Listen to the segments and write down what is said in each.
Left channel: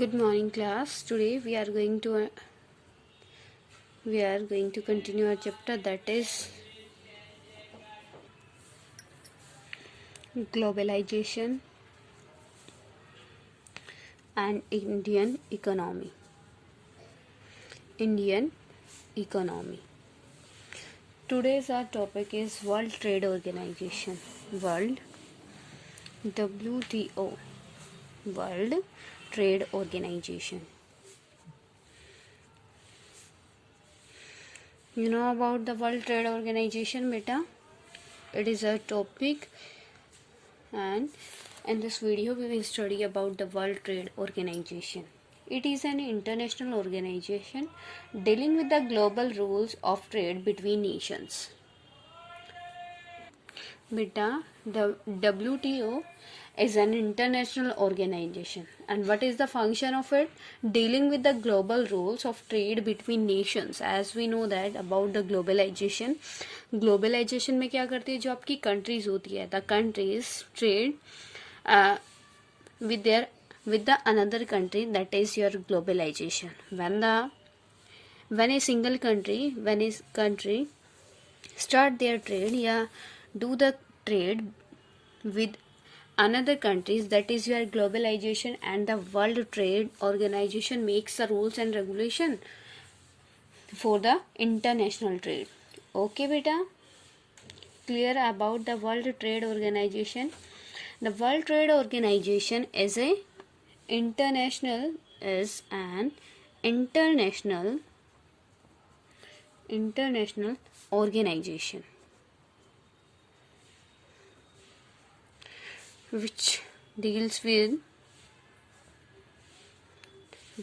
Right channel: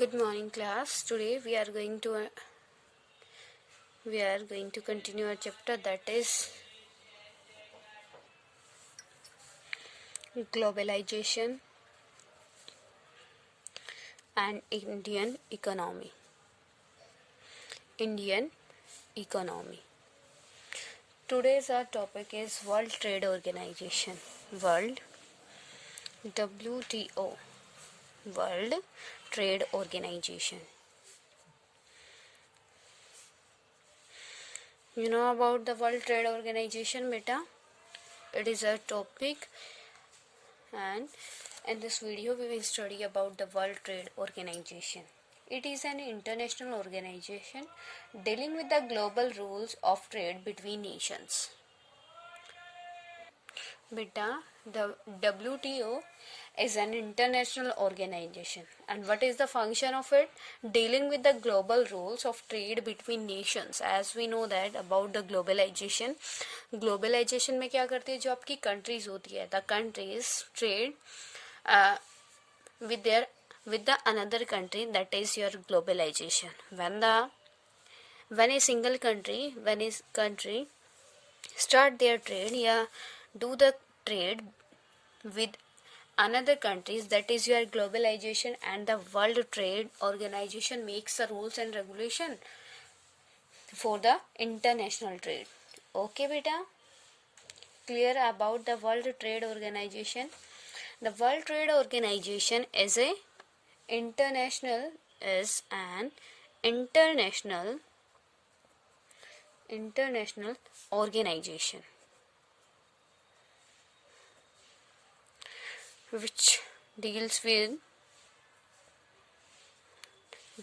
Good morning, class. Today we are going to continue our chapter, that is globalization and Indian economy. Today's our topic is World Trade Organization. WTO. World Trade Organization. You know about the World Trade Organization, beta? It is a topic, and in this video we will study about the World Trade Organization. It is an international organization dealing with the global rules of trade between nations. Beta, the WTO is an international organization, and what is the function of it? Dealing with the global rules of trade between nations. As we know that about the globalization में क्या करते हैं, जो आपकी countries होती है, the countries trade with the another country, that is your globalization. When a country start their trade, do the trade with another countries, that is your globalization, and the World Trade Organization makes the rules and regulation for the international trade. Okay beta, clear about the World Trade Organization? The World Trade Organization is an international organization which deals with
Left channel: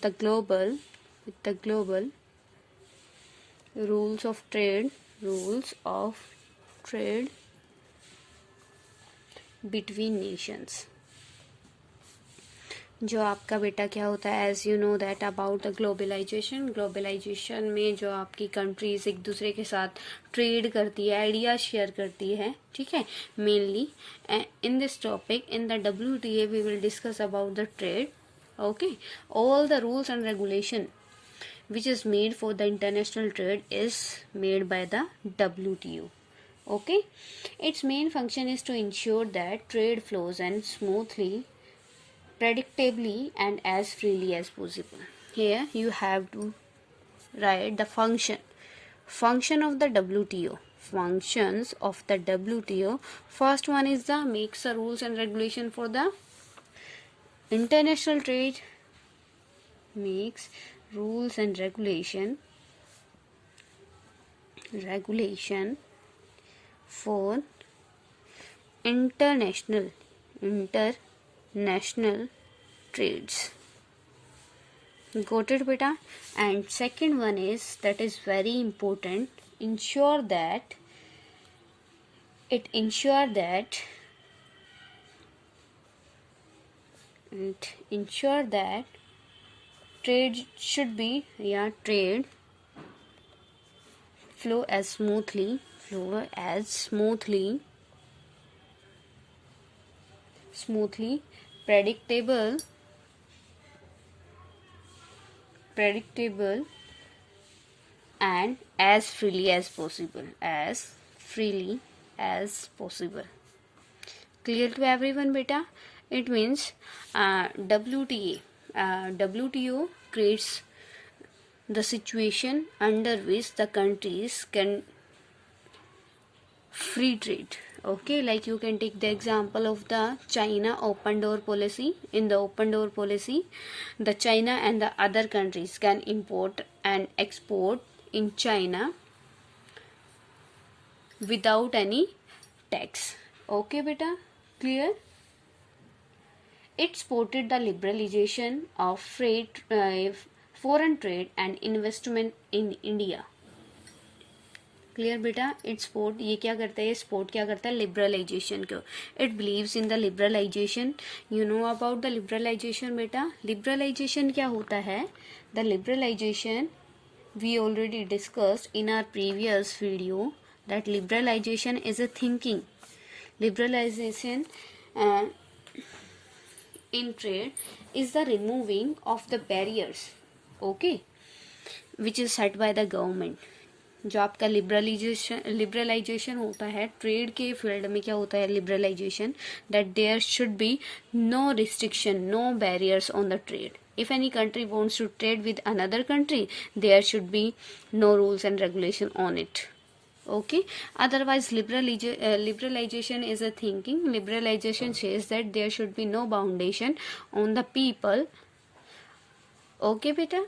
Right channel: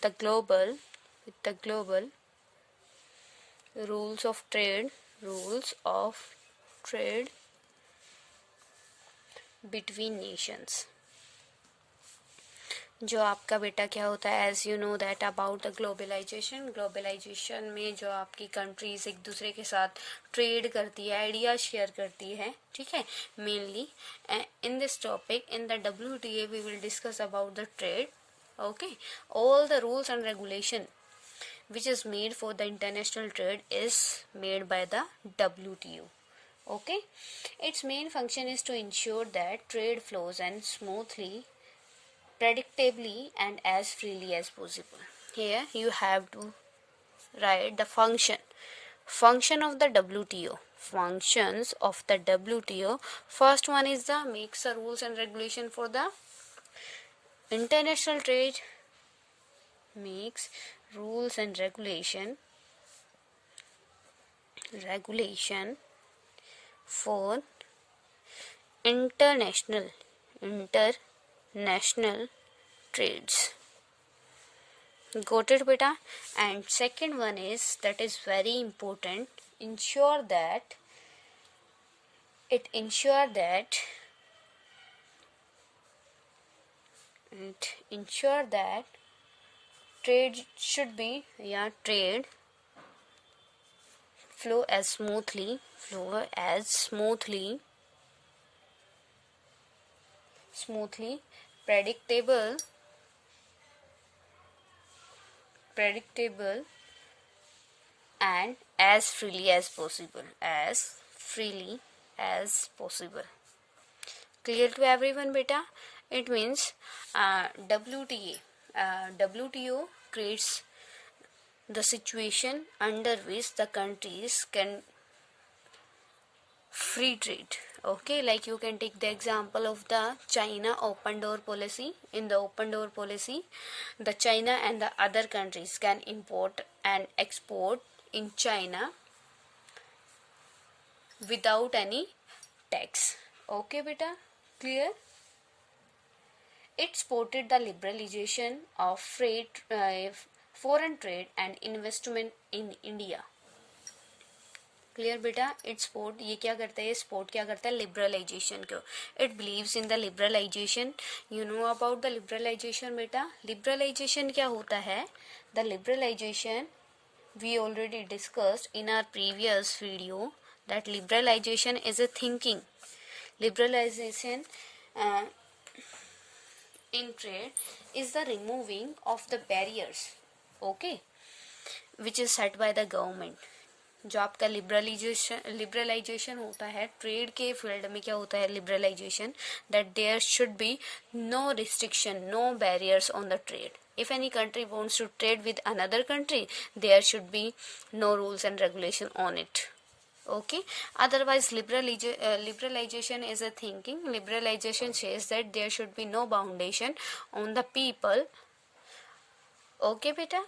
the global rules of trade between nations. जो आपका बेटा क्या होता है, as you know that about the globalisation में जो आपकी countries एक दूसरे के साथ ट्रेड करती है, आइडिया शेयर करती है, ठीक है. Mainly in this topic in the WTA we will discuss about the trade. Okay, all the rules and regulation which is made for the international trade is made by the WTO. Okay, its main function is to ensure that trade flows and smoothly, predictably, and as freely as possible. Here you have to write the function of the WTO. Functions of the WTO. First one is the makes the rules and regulation for the international trade. Makes rules and regulation for international trades. Got it beta? And second one is, that is very important, ensure that trade should be trade flow as smoothly, predictable, and as freely as possible. Clear to everyone beta? It means WTO creates the situation under which the countries can free trade. Okay, like you can take the example of the China open door policy. In the open door policy, the China and the other countries can import and export in China without any tax. Okay beta, clear? It supported the liberalization of foreign trade and investment in India. Clear बेटा? It support, ये क्या करता है, support क्या करता है, liberalisation को. It believes in the liberalisation. You know about the liberalisation बेटा? लिबरलाइजेशन क्या होता है? The liberalisation we already discussed in our previous video that liberalisation is a thinking. Liberalisation in trade is the removing of the barriers, okay, which is set by the government. जो आपका liberalisation होता है trade के field में, क्या होता है liberalisation, that there should be no restriction, no barriers on the trade. If any country wants to trade with another country, there should be no rules and regulation on it. Okay. Otherwise, liberalization is a thinking. Liberalization says that there should be no foundation on the people. Okay, beta.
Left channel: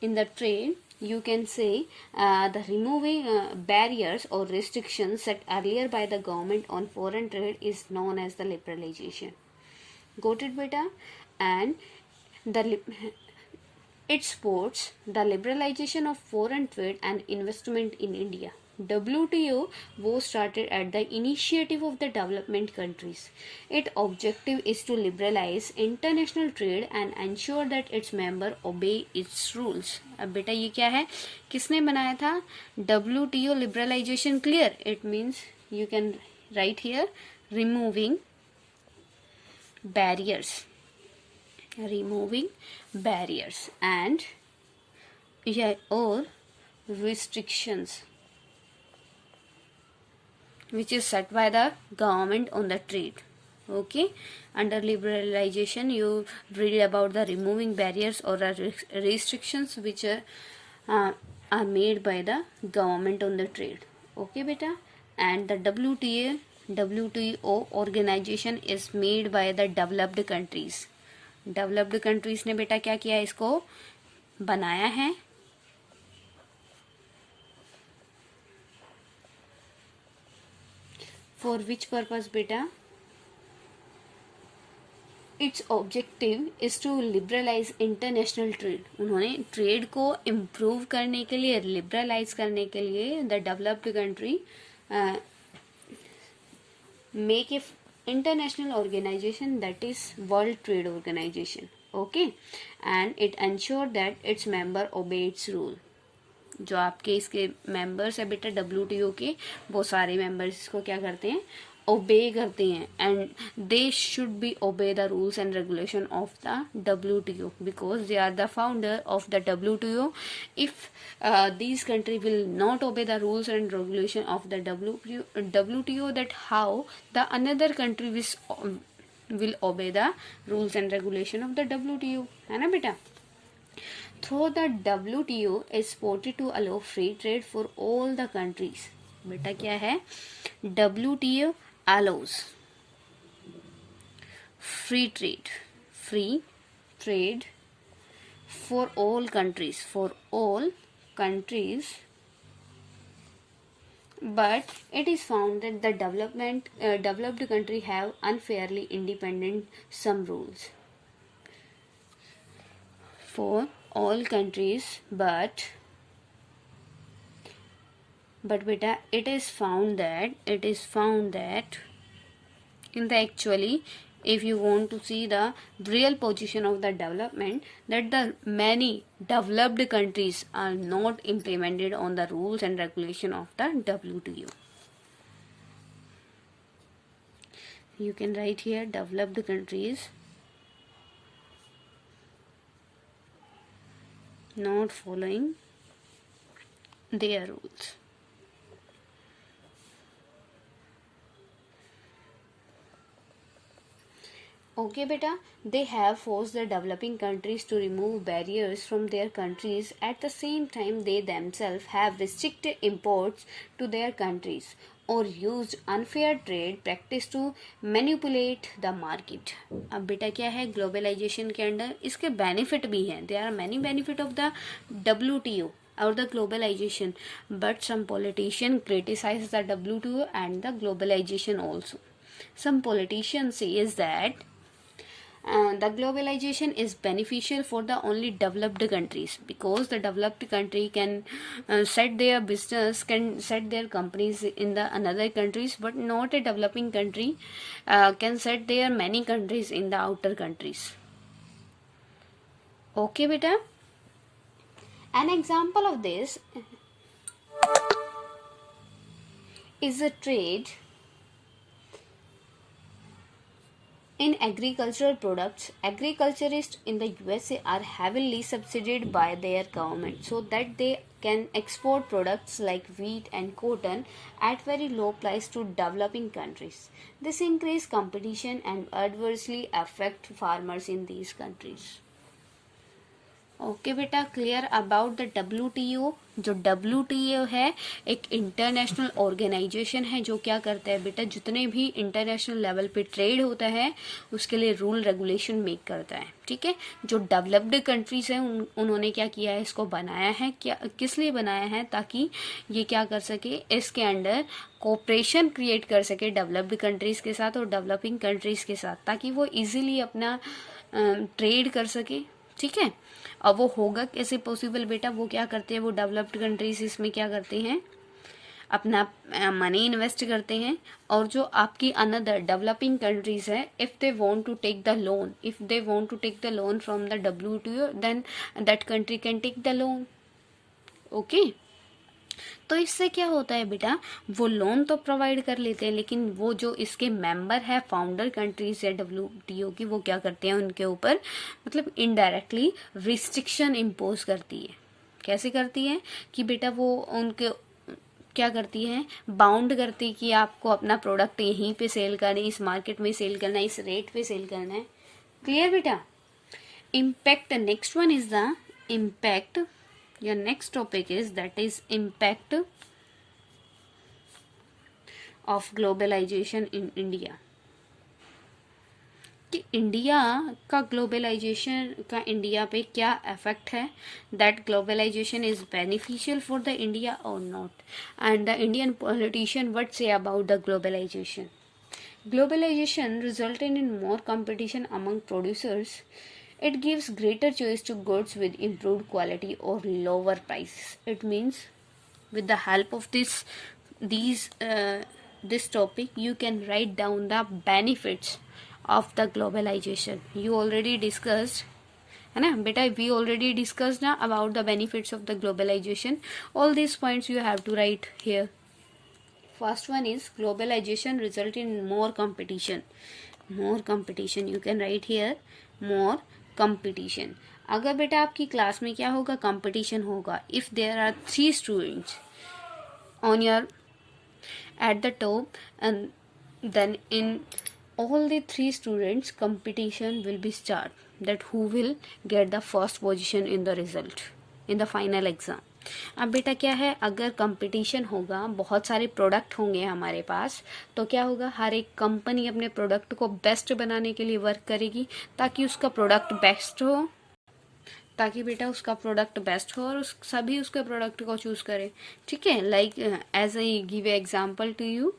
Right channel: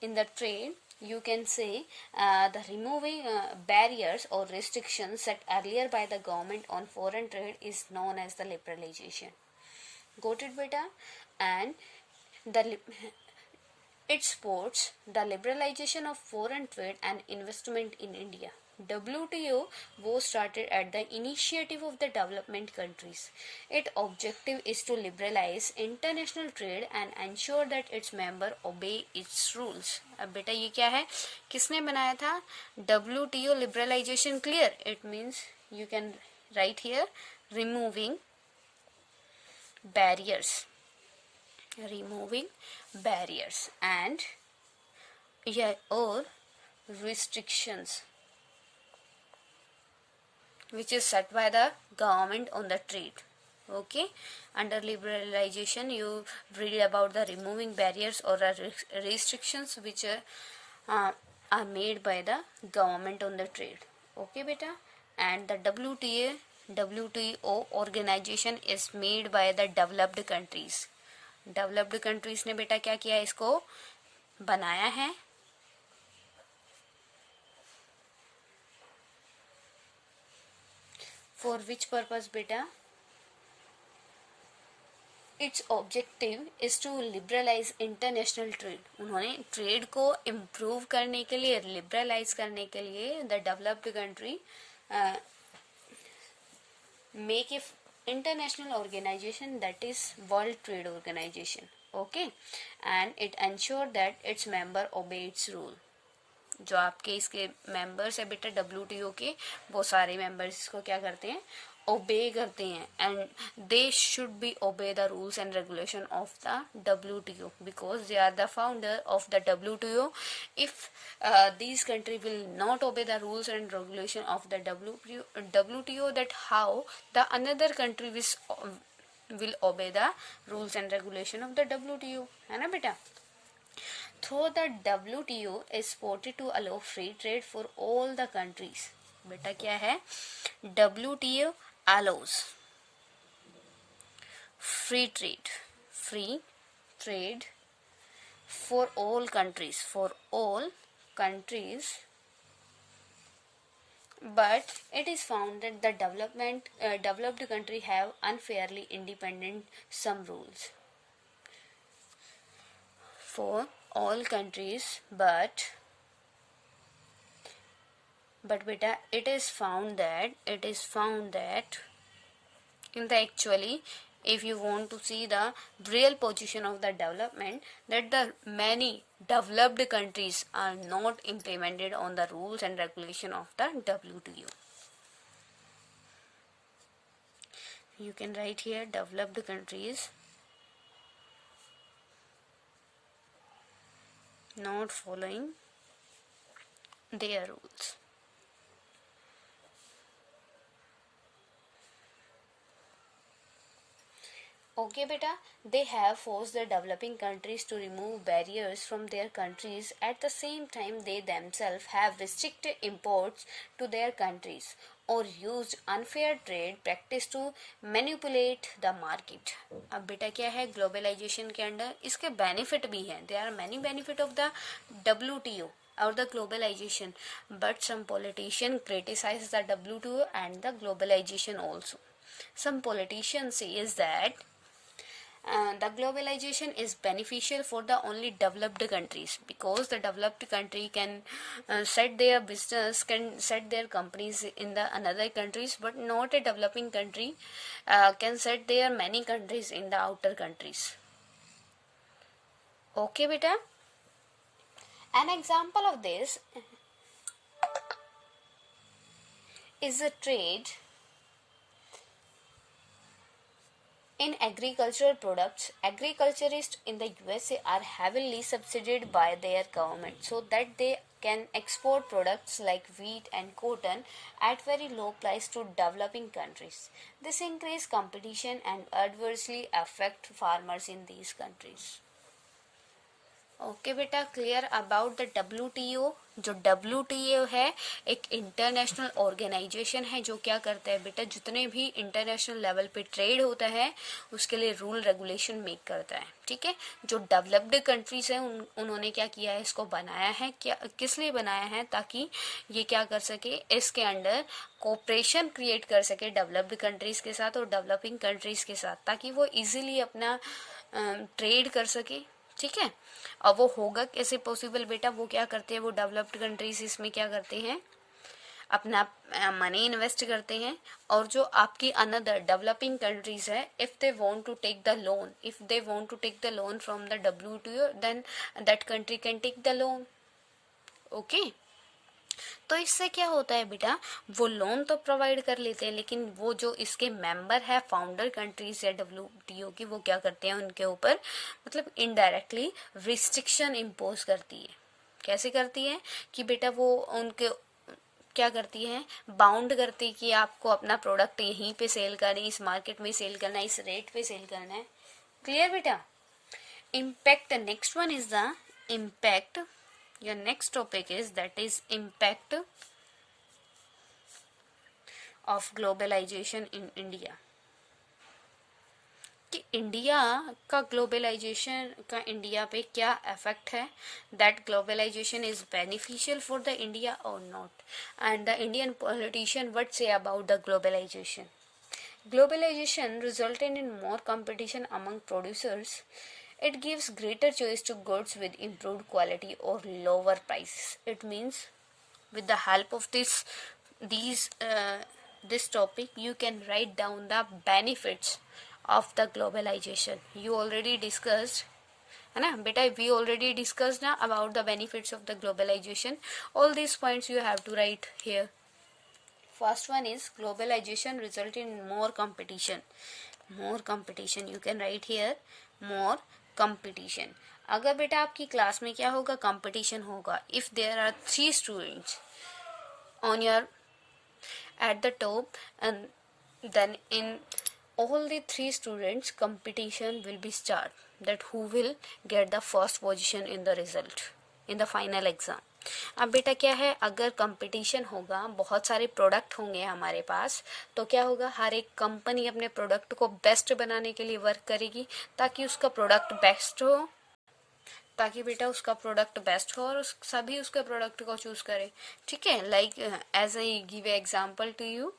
In the trade, you can say the removing barriers or restrictions set earlier by the government on foreign trade is known as the liberalization. Got it, beta? And it supports the liberalization of foreign trade and investment in India. WTO was started at the initiative of the development countries. Its objective is to liberalize international trade and ensure that its members obey its rules. अब बेटा ये क्या है, किसने बनाया था? WTO liberalization. Clear? It means you can write here removing barriers. Removing barriers and or restrictions which is set by the government on the trade. Okay. Under liberalization you read about the removing barriers or restrictions which are made by the government on the trade. Okay, beta. And the WTO organization is made by the developed countries. Developed countries ने बेटा क्या किया, इसको बनाया है. For which purpose बेटा? Its objective is to liberalise international trade. उन्होंने trade को इम्प्रूव करने के लिए, लिबरलाइज करने के लिए the developed country make a international organization, that is World Trade Organization. Okay. And it ensure that its member obey its rule. जो आपके इसके मेंबर्स है बेटा WTO के, वो सारे मेंबर्स इसको क्या करते हैं, ओबे करते हैं. And they should be obey the rules and regulation of the WTO because they are the founder of the WTO. If these country will not obey the rules and regulation of the WTO, that how the another country will obey the rules and regulation of the WTO, है ना बेटा. Through the WTO is supported to allow free trade for all the countries. बेटा क्या है, WTO allows free trade for all countries, but it is found that the developed country have unfairly independent some rules for all countries, but beta it is found that in the actually, if you want to see the real position of the development, that the many developed countries are not implemented on the rules and regulation of the WTO. You can write here developed countries not following their rules. Okay, beta. They have forced the developing countries to remove barriers from their countries. At the same time, they themselves have restricted imports to their countries or used unfair trade practice to manipulate the market. अब बेटा क्या है, globalisation के under इसके benefit भी हैं. There are many benefit of the WTO or the globalization, but some politician criticize the WTO and the globalization also. Some politicians says that the globalization is beneficial for the only developed countries, because the developed country can set their business, can set their companies in the another countries, but not a developing country can set their many countries in the outer countries. Okay, beta. An example of this is a trade In agricultural products, agriculturists in the USA are heavily subsidized by their government so that they can export products like wheat and cotton at very low price to developing countries. This increase competition and adversely affect farmers in these countries. Okay बेटा, clear about the WTO। जो WTO है एक international organisation है जो क्या करता है बेटा, जितने भी इंटरनेशनल लेवल पे ट्रेड होता है उसके लिए रूल रेगुलेशन मेक करता है। ठीक है, जो डेवलप्ड कंट्रीज हैं उन्होंने क्या किया है, इसको बनाया है। क्या किस लिए बनाया है, ताकि ये क्या कर सके, इसके अंडर कोऑपरेशन क्रिएट कर सके डेवलप्ड कंट्रीज के साथ और डेवलपिंग कंट्रीज के साथ, ताकि वो इजीली अपना ट्रेड कर सके। ठीक है, अब वो होगा कैसे पॉसिबल बेटा, वो क्या करते हैं, वो डेवलप्ड कंट्रीज इसमें क्या करते हैं, अपना मनी इन्वेस्ट करते हैं। और जो आपकी अनदर डेवलपिंग कंट्रीज है, if they want to take the loan from the WTO, then that country can take the loan. Okay, तो इससे क्या होता है बेटा, वो लोन तो प्रोवाइड कर लेते हैं, लेकिन वो जो इसके मेंबर है फाउंडर कंट्रीज है WTO की, वो क्या करते हैं, उनके ऊपर मतलब इनडायरेक्टली रिस्ट्रिक्शन इम्पोज करती है। कैसे करती है कि बेटा वो उनके क्या करती है, बाउंड करती है कि आपको अपना प्रोडक्ट यहीं पे सेल करना है, इस मार्केट में सेल करना है, इस रेट पे सेल करना है। क्लियर बेटा। Impact, next one is the impact. Your next topic is that is impact of globalization in India। कि इंडिया का ग्लोबलाइजेशन का इंडिया पे क्या इफेक्ट है, that globalization is beneficial for the India और not, and the Indian politician what say about the globalization. Globalization resulted in more competition among producers. It gives greater choice to goods with improved quality or lower prices. It means, with the help of this topic, you can write down the benefits of the globalization. You already discussed, है ना बेटा, we already discussed ना about the benefits of the globalization. All these points you have to write here. First one is globalization result in more competition. More competition, you can write here more competition. अगर बेटा आपकी class में क्या होगा, competition होगा, if there are 3 students on your at the top, and then in all the 3 students competition will be start, that who will get the first position in the result in the final exam. अब बेटा क्या है, अगर competition होगा, बहुत सारे product होंगे हमारे पास, तो क्या होगा, हर एक कंपनी अपने प्रोडक्ट को बेस्ट बनाने के लिए वर्क करेगी, ताकि उसका प्रोडक्ट बेस्ट हो, ताकि बेटा उसका प्रोडक्ट बेस्ट हो और सभी उसके प्रोडक्ट को चूज करें। ठीक है, like as I give example to you,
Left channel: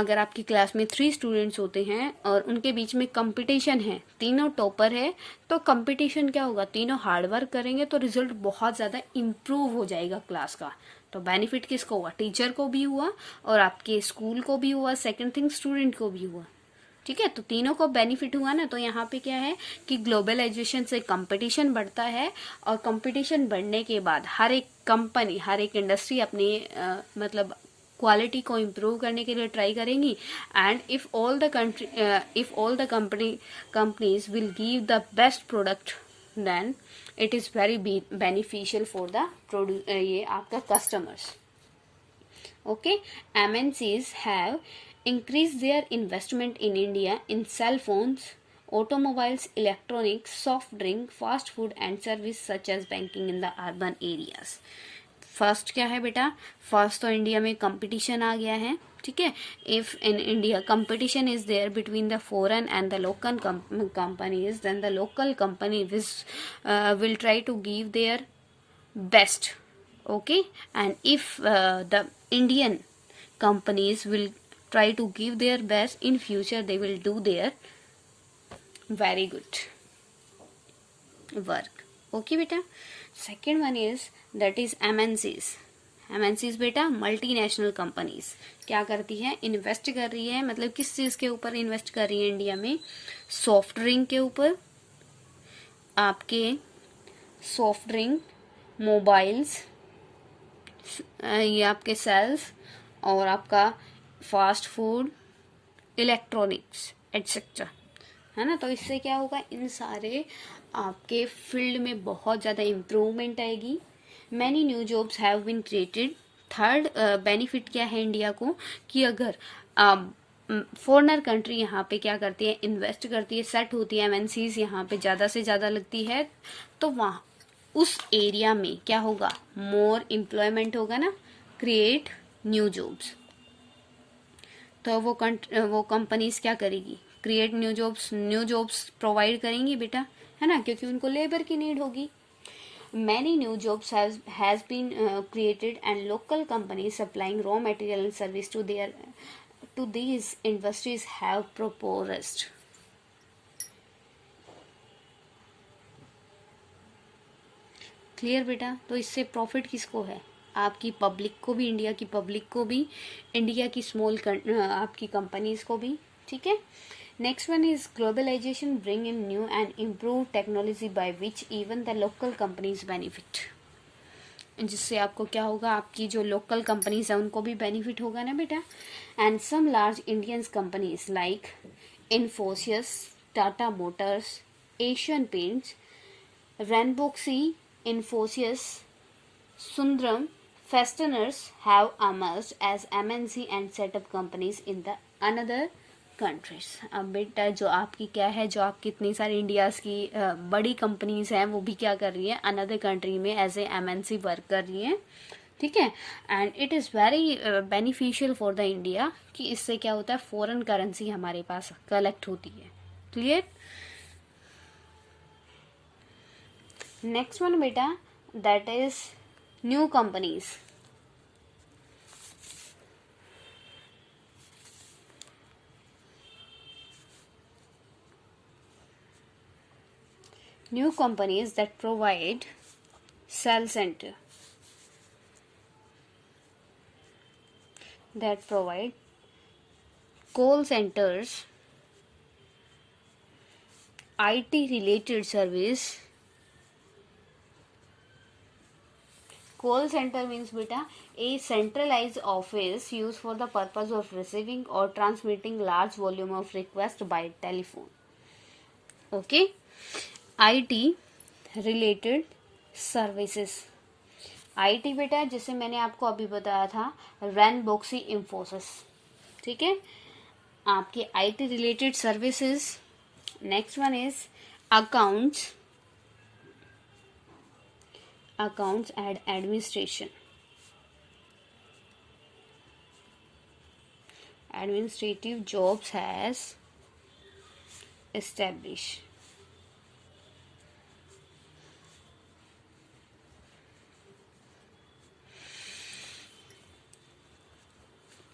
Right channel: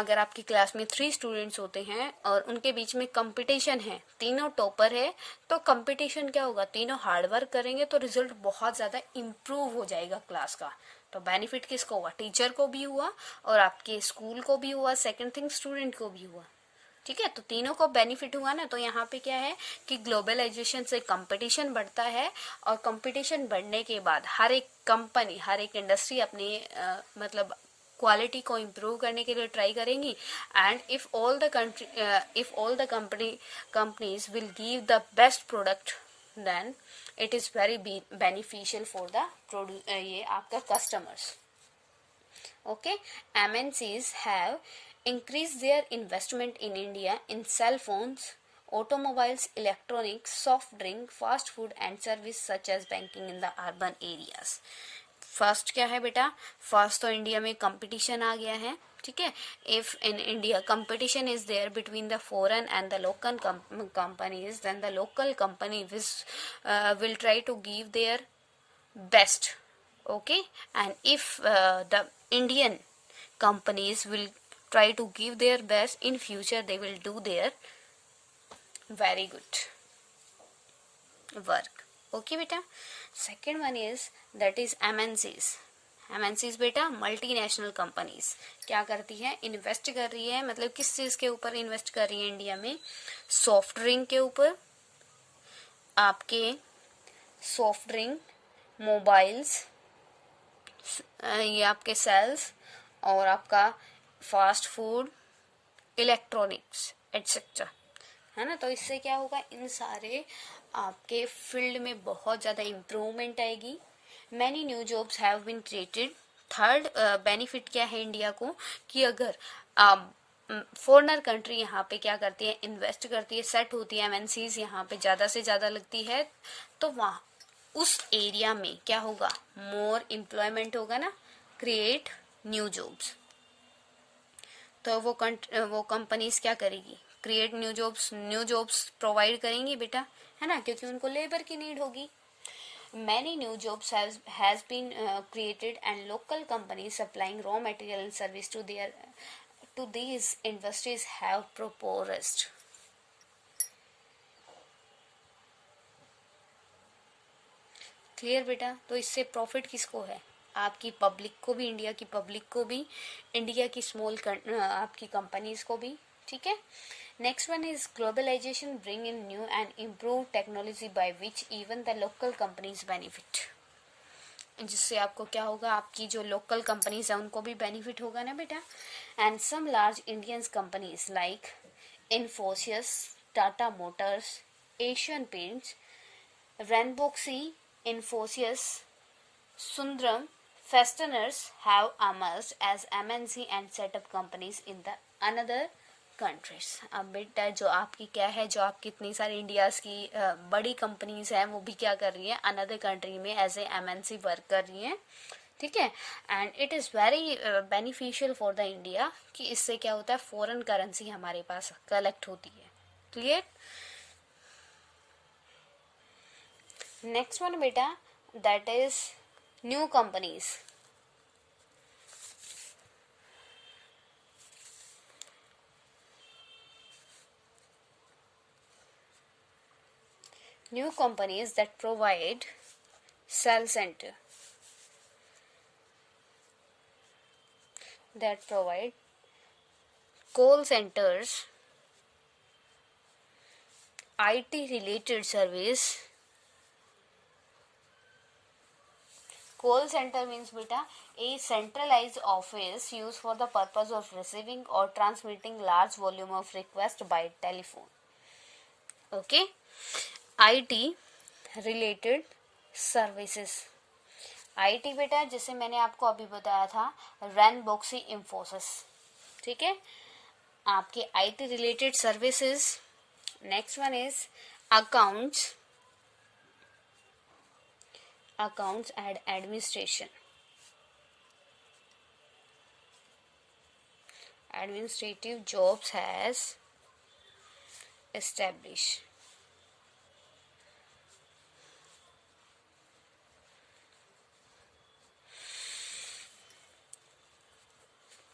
अगर आपकी क्लास में 3 स्टूडेंट्स होते हैं और उनके बीच में कंपटीशन है, तीनों टॉपर है, तो कंपटीशन क्या होगा, तीनों हार्डवर्क करेंगे तो रिजल्ट बहुत ज्यादा इम्प्रूव हो जाएगा क्लास का। तो बेनिफिट किसको हुआ, टीचर को भी हुआ और आपके स्कूल को भी हुआ, सेकंड थिंग स्टूडेंट को भी हुआ। ठीक है, तो तीनों को बेनिफिट हुआ ना। तो यहाँ पे क्या है कि ग्लोबलाइजेशन से कंपटीशन बढ़ता है, और कंपटीशन बढ़ने के बाद हर एक कंपनी, हर एक इंडस्ट्री अपनी मतलब क्वालिटी को इम्प्रूव करने के लिए ट्राई करेंगी। And if all the companies will give the best product, then it is very beneficial for the ये आपका customers. Okay, MNCs have increased their investment in India in cell phones, automobiles, electronics, soft drink, fast food and service such as banking in the urban areas. First क्या है बेटा, first तो India में competition आ गया है। ठीक है, if in India competition is there between the foreign and the local companies, then the local company will try to give their best. Okay, and if the Indian companies will try to give their best in future, they will do their very good work. Okay beta, second one is that is MNCs बेटा multinational companies क्या करती है, invest कर रही है, मतलब किस चीज के ऊपर इन्वेस्ट कर रही है इंडिया में, सॉफ्ट ड्रिंक के ऊपर, आपके सॉफ्ट ड्रिंक, मोबाइल्स, ये आपके सेल्स, और आपका फास्ट फूड, इलेक्ट्रॉनिक्स एटसेट्रा, है ना। तो इससे क्या होगा, इन सारे आपके फील्ड में बहुत ज्यादा इम्प्रूवमेंट आएगी। Many new jobs have been created. Third benefit क्या है इंडिया को, कि अगर फॉरेनर कंट्री यहाँ पे क्या करती है, इन्वेस्ट करती है, सेट होती है, एमएनसीज यहाँ पे ज्यादा से ज्यादा लगती है, तो वहाँ उस एरिया में क्या होगा, मोर एम्प्लॉयमेंट होगा ना, क्रिएट न्यू जॉब्स। तो वो कंपनीज क्या करेगी, क्रिएट न्यू जॉब्स प्रोवाइड करेंगी बेटा, है ना, क्योंकि उनको लेबर की नीड होगी। Many new jobs has been created, and local companies supplying raw material and service to these industries have progressed. Clear बेटा। तो इससे प्रॉफिट किसको है, आपकी पब्लिक को भी, इंडिया की पब्लिक को भी, इंडिया की स्मॉल आपकी कंपनीज को भी, ठीक है। Next one is globalisation bring in new and improve technology by which even the local companies benefit. जिससे आपको क्या होगा, आपकी जो लोकल कंपनीज है उनको भी बेनिफिट होगा ना बेटा। And some large Indian companies like Infosys, Tata Motors, Asian Paints, Ranbaxy, Infosys, Sundram Fasteners have emerged as MNC and set up companies in the another countries. अब बेटा जो आपकी क्या है, जो आपकी इतनी सारी इंडियाज की बड़ी कंपनीज हैं वो भी क्या कर रही है, अनदर कंट्री में एज ए एमएनसी वर्क कर रही है, ठीक है। And it is very beneficial for the India, कि इससे क्या होता है, फॉरेन करेंसी हमारे पास कलेक्ट होती है। क्लियर। नेक्स्ट वन बेटा, that is new companies. New companies that provide cell center, that provide call centers, IT related service. Call center means beta a centralized office used for the purpose of receiving or transmitting large volume of request by telephone. Okay. IT related services. IT बेटा जैसे मैंने आपको अभी बताया था, रैनबॉक्सी, इंफोसिस, ठीक है, आपकी IT related services. Next one is accounts and administration, administrative jobs has established.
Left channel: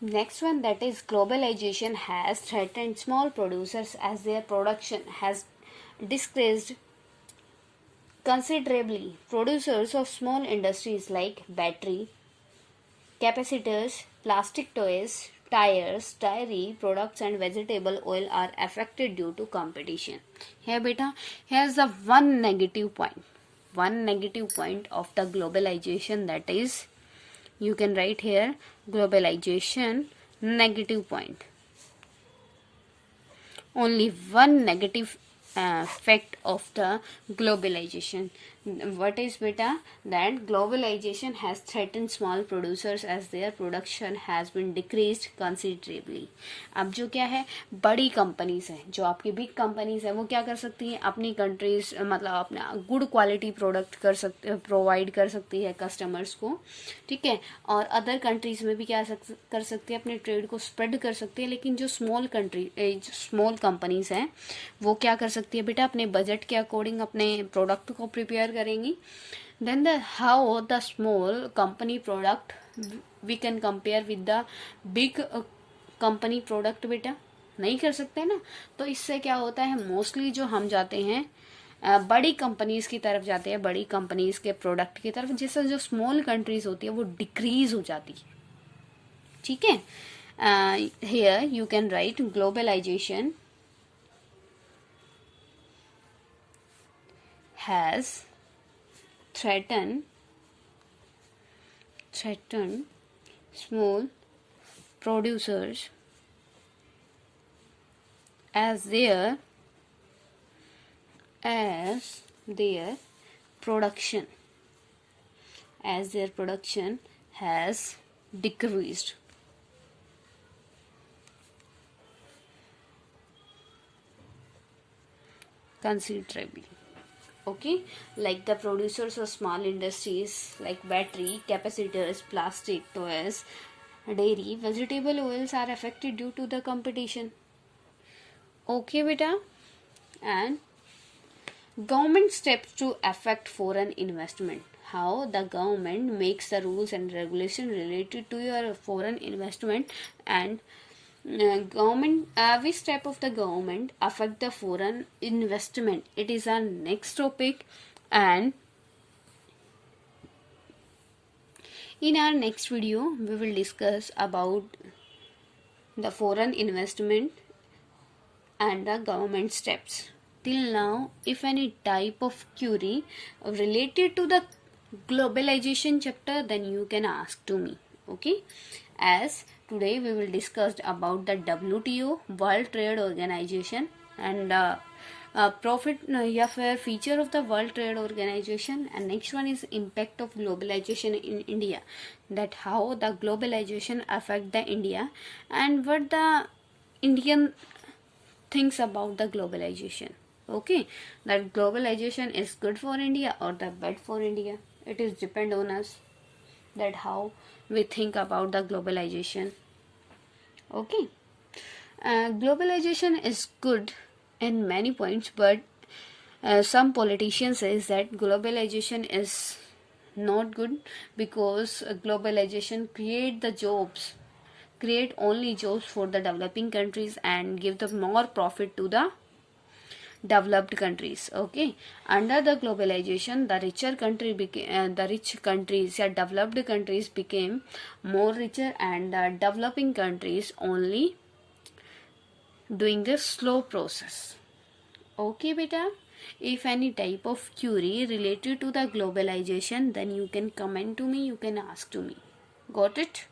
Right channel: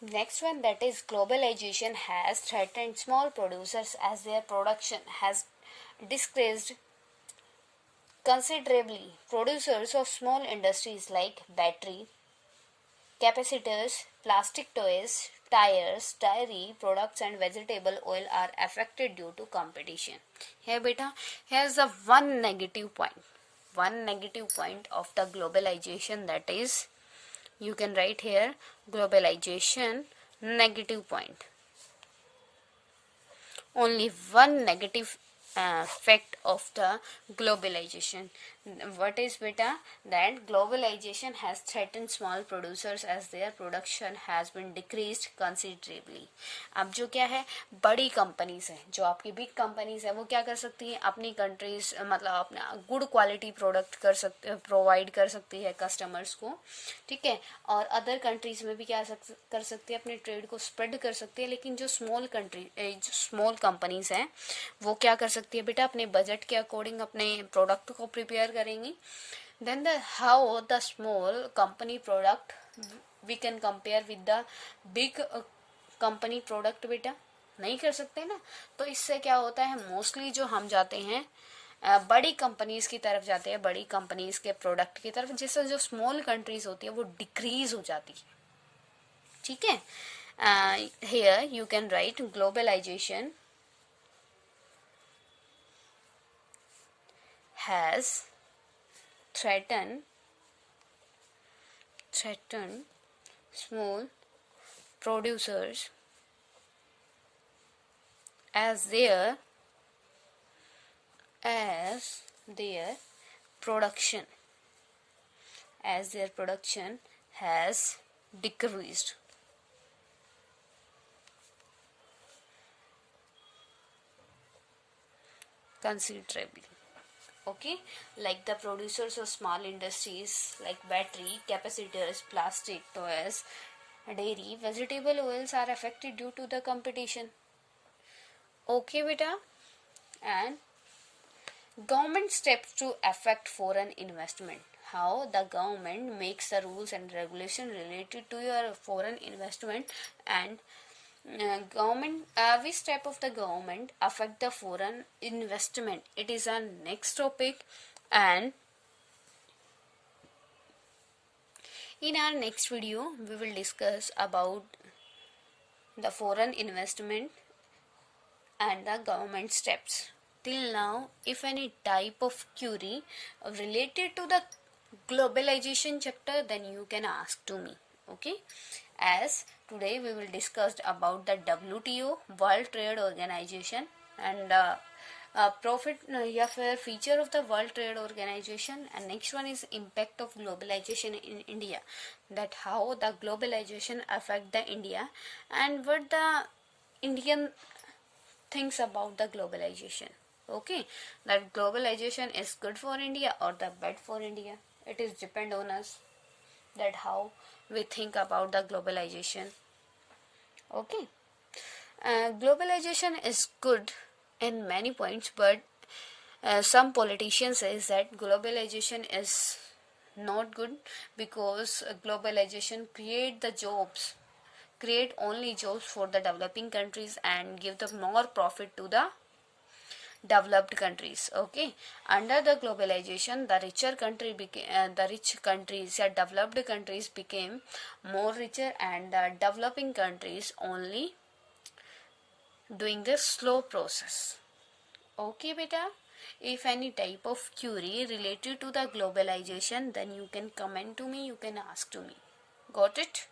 Next one, that is globalization has threatened small producers as their production has decreased considerably. Producers of small industries like battery, capacitors, plastic toys, tires, dairy products and vegetable oil are affected due to competition. Here beta, here's the one negative point of the globalization, that is, you can write here globalization negative point. Only one negative effect of the globalization. What is beta? That globalization has threatened small producers as their production has been decreased considerably. अब जो क्या है, बड़ी companies हैं, जो आपकी big companies है, वो क्या कर सकती हैं, अपनी कंट्रीज मतलब अपना गुड क्वालिटी प्रोडक्ट प्रोवाइड कर सकती है कस्टमर्स को, ठीक है, और अदर कंट्रीज में भी क्या कर सकती है, अपने ट्रेड को स्प्रेड कर सकती है। लेकिन जो स्मॉल कंपनीज हैं वो क्या कर सकती है बेटा, अपने बजट के अकॉर्डिंग अपने प्रोडक्ट को प्रिपेयर करेंगी। Then how the small company product we can compare with the big company product, बेटा नहीं कर सकते ना। तो इससे क्या होता है, मोस्टली जो हम जाते हैं बड़ी कंपनीज की तरफ जाते हैं, बड़ी कंपनीज के प्रोडक्ट की तरफ, जिससे जो स्मॉल कंट्रीज होती है वो डिक्रीज हो जाती है, ठीक है। Here you can write globalisation has threatened small producers as their as their production has decreased. Considerably. Okay, like the producers of small industries like battery, capacitors, plastic, toys, dairy, vegetable oils are affected due to the competition. Okay, beta. And government steps to affect foreign investment. How the government makes the rules and regulation related to your foreign investment, and government, which step of the government affect the foreign investment. It is our next topic, and in our next video we will discuss about the foreign investment and the government steps. Till now, if any type of query related to the globalization chapter, then you can ask to me. Okay, as today we will discuss about the WTO, World Trade Organization, and feature of the World Trade Organization, and next one is impact of globalization in India, that how the globalization affect the India, and what the Indian thinks about the globalization. Okay, that globalization is good for India or the bad for India. It is depend on us, that how we think about the globalization. Okay, globalization is good in many points, but some politicians says that globalization is not good, because globalization create only jobs for the developing countries and give the more profit to the developed countries. Okay, under the globalization, the rich countries or developed countries became more richer, and the developing countries only doing the slow process. Okay, beta. If any type of query related to the globalization, then you can comment to me, you can ask to me. Got it?